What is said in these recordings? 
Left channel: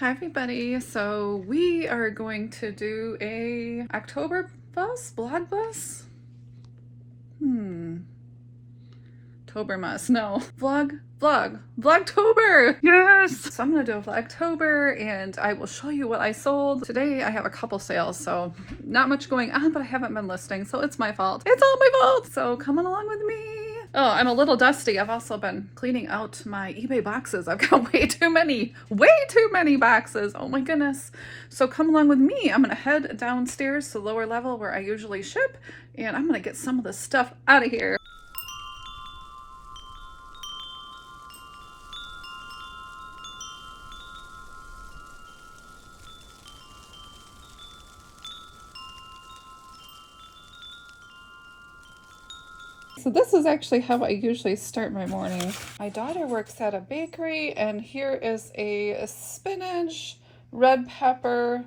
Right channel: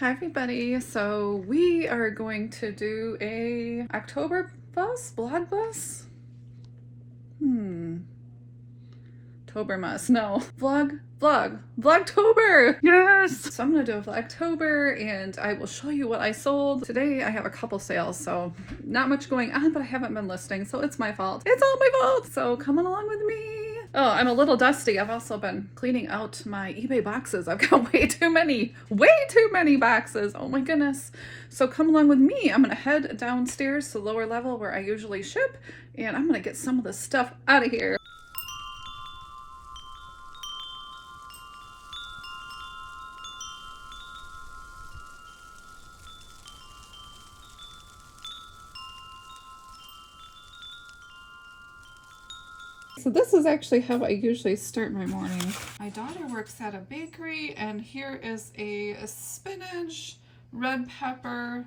Hi everybody, so we are going to do a October vlog bus? Tobermas, no. Vlogtober, yes! So I'm gonna do a Vlogtober and I will show you what I sold. Today I have a couple sales, so not much going on, but I haven't been listing, so it's my fault. It's all my fault, so come along with me. Oh, I'm a little dusty. I've also been cleaning out my eBay boxes. I've got way too many boxes. Oh my goodness. So come along with me. I'm gonna head downstairs to the lower level where I usually ship, and I'm gonna get some of this stuff out of here. So this is actually how I usually start my morning. My daughter works at a bakery, and here is a spinach, red pepper,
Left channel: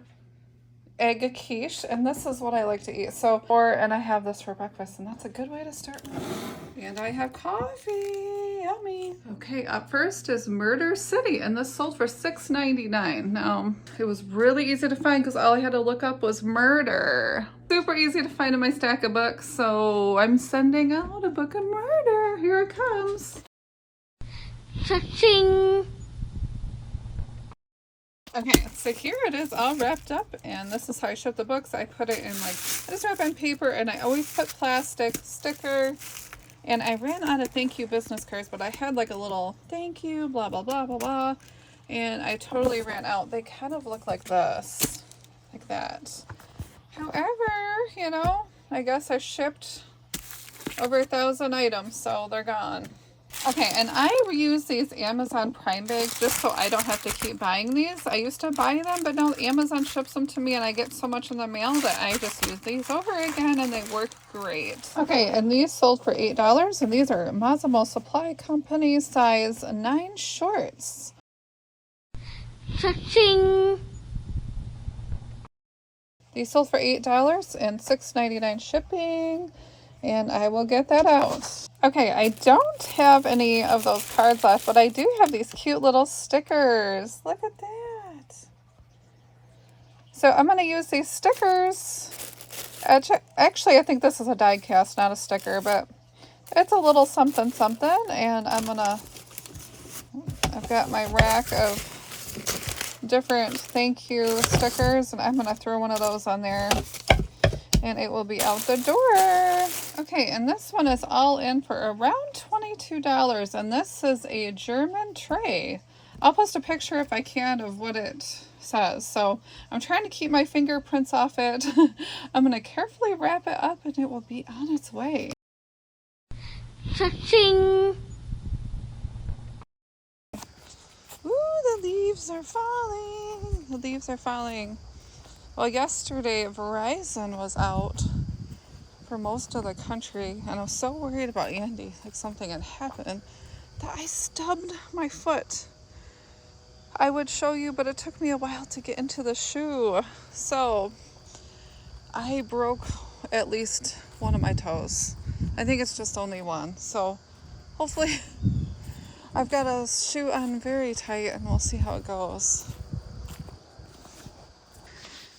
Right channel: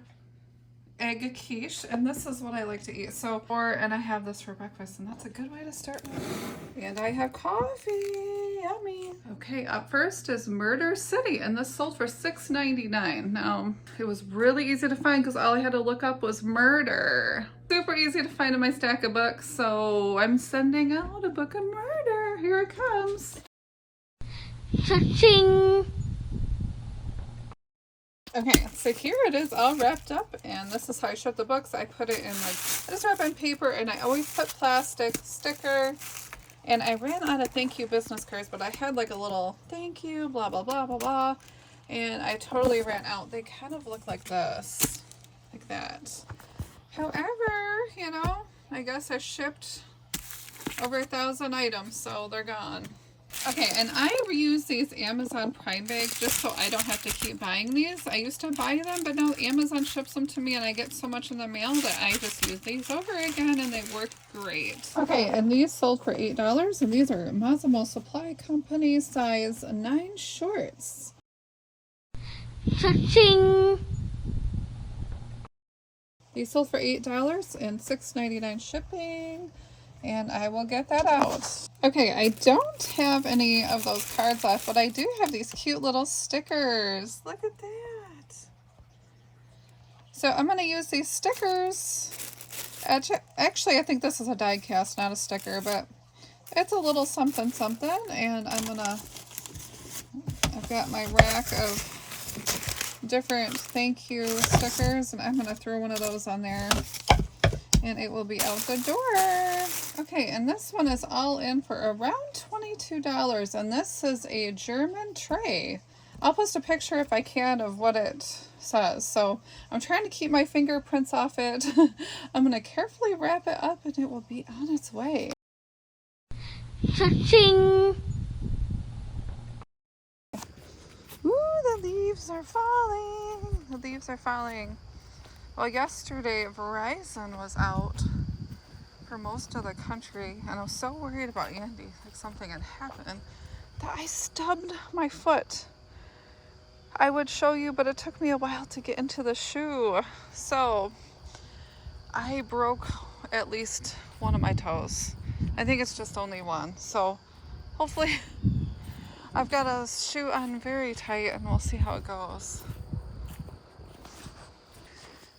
egg quiche, and this is what I like to eat. And I have this for breakfast, and that's a good way to start my morning. And I have coffee, yummy. Okay, up first is Murder City, and this sold for $6.99. Now, it was really easy to find because all I had to look up was murder. Super easy to find in my stack of books, so I'm sending out a book of murder. Here it comes. Cha-ching! Okay, so here it is all wrapped up, and this is how I ship the books. I put it in I just wrap in paper, and I always put plastic sticker, and I ran out of thank you business cards, but I had like a little thank you, blah, blah, blah, blah, blah, and I totally ran out. They kind of look like this, like that. However, you know, I guess I shipped over 1,000 items, so they're gone. Okay, and I use these Amazon Prime bags just so I don't have to keep buying these. I used to buy them, but now Amazon ships them to me and I get so much in the mail that I just use these over again and they work great. Okay, and these sold for $8, and these are Massimo Supply Company size 9 shorts. Cha-ching! These sold for $8 and $6.99 shipping, and I will get that out. Okay, I don't have any of those cards left, but I do have these cute little stickers. Look at that. So I'm going to use these stickers. Actually, I think this is a die cast, not a sticker, but it's a little something something, and I've got my rack of different thank you stickers, and I'm gonna throw one of those on there and it will be out the door. Okay, and this one is all in for around $22, and this is a German tray. I'll post a picture if I can of what it says. So I'm trying to keep my fingerprints off it. I'm gonna carefully wrap it up and it will be on its way. Cha-ching! Ooh, the leaves are falling. The leaves are falling. Well, yesterday Verizon was out for most of the country, and I was so worried about Andy, like something had happened, that I stubbed my foot. I would show you, but it took me a while to get into the shoe. So I broke at least one of my toes. I think it's just only one. So hopefully I've got a shoe on very tight and we'll see how it goes.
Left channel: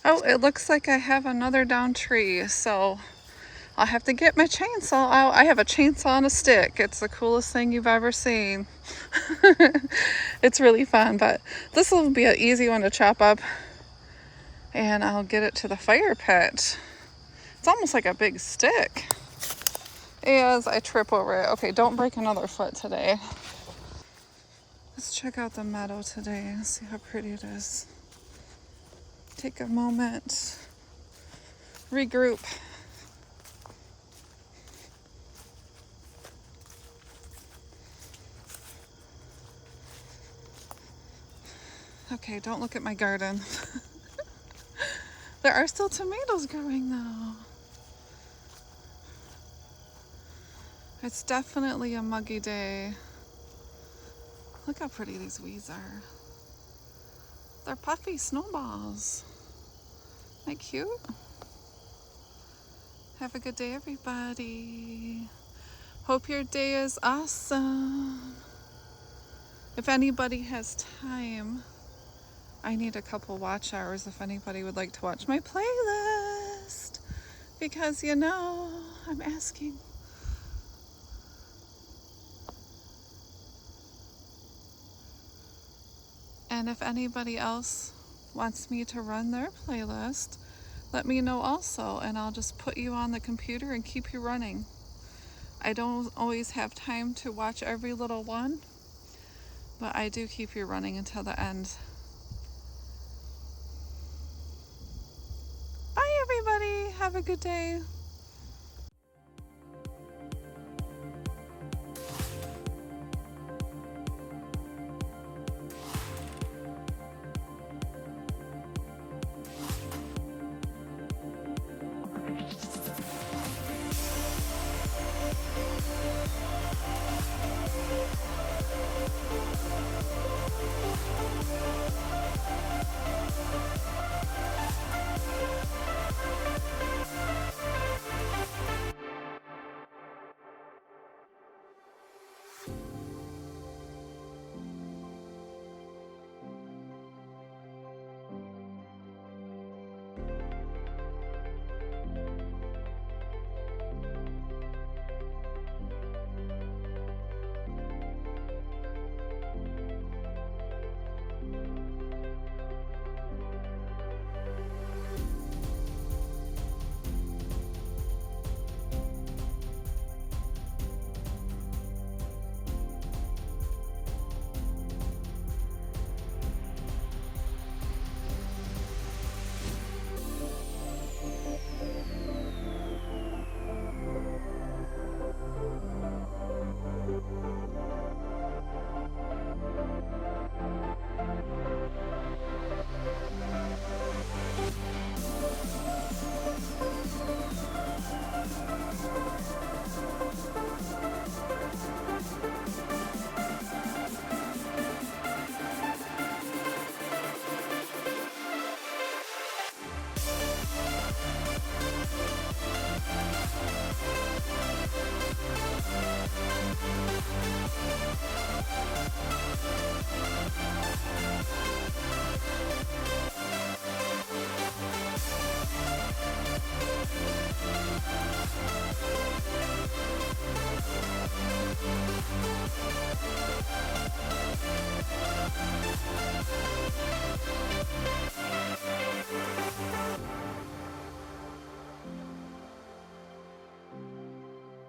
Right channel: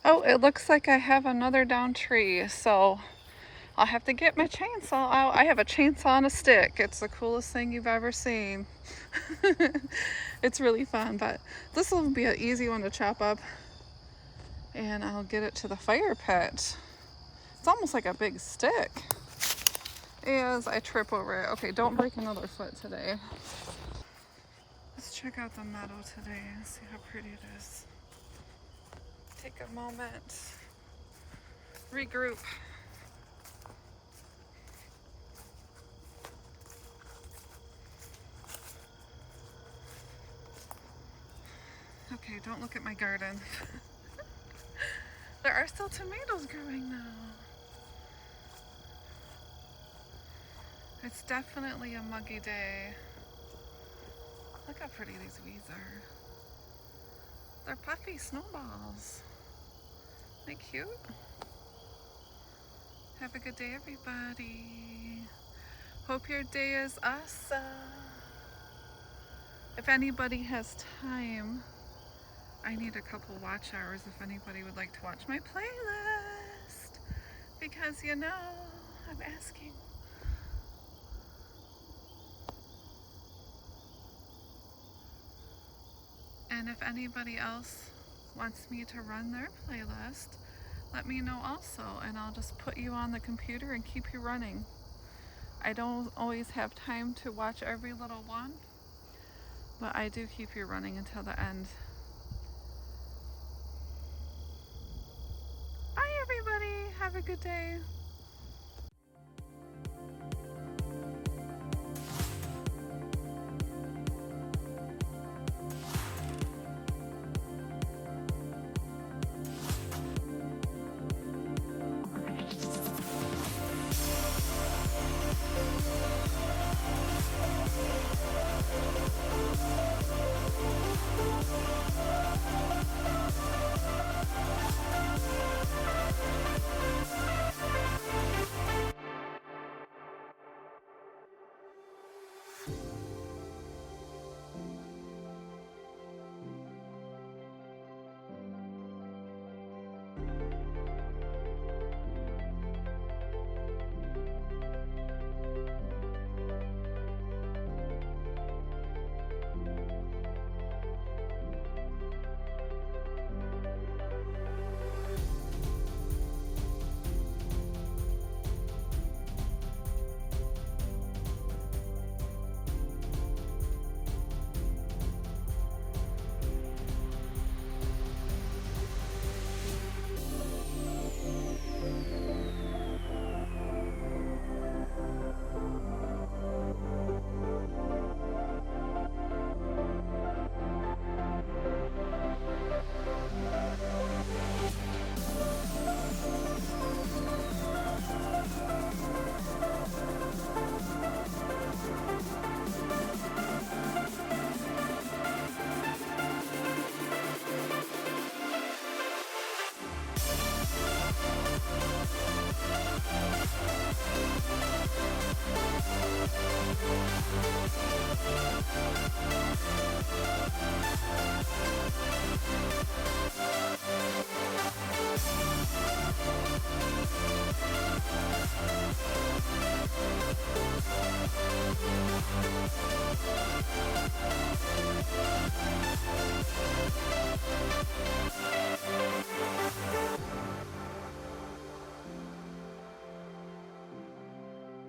Oh, it looks like I have another down tree, so I'll have to get my chainsaw out. I have a chainsaw on a stick. It's the coolest thing you've ever seen. It's really fun, but this will be an easy one to chop up, and I'll get it to the fire pit. It's almost like a big stick as I trip over it. Okay, don't break another foot today. Let's check out the meadow today and see how pretty it is. Take a moment, regroup. Okay, don't look at my garden. There are still tomatoes growing though. It's definitely a muggy day. Look how pretty these weeds are. They're puffy snowballs. Isn't that cute? Have a good day, everybody. Hope your day is awesome. If anybody has time I need a couple watch hours if anybody would like to watch my playlist. Because, you know, I'm asking. And if anybody else wants me to run their playlist, let me know also, and I'll just put you on the computer and keep you running. I don't always have time to watch every little one, but I do keep you running until the end. Bye everybody, have a good day.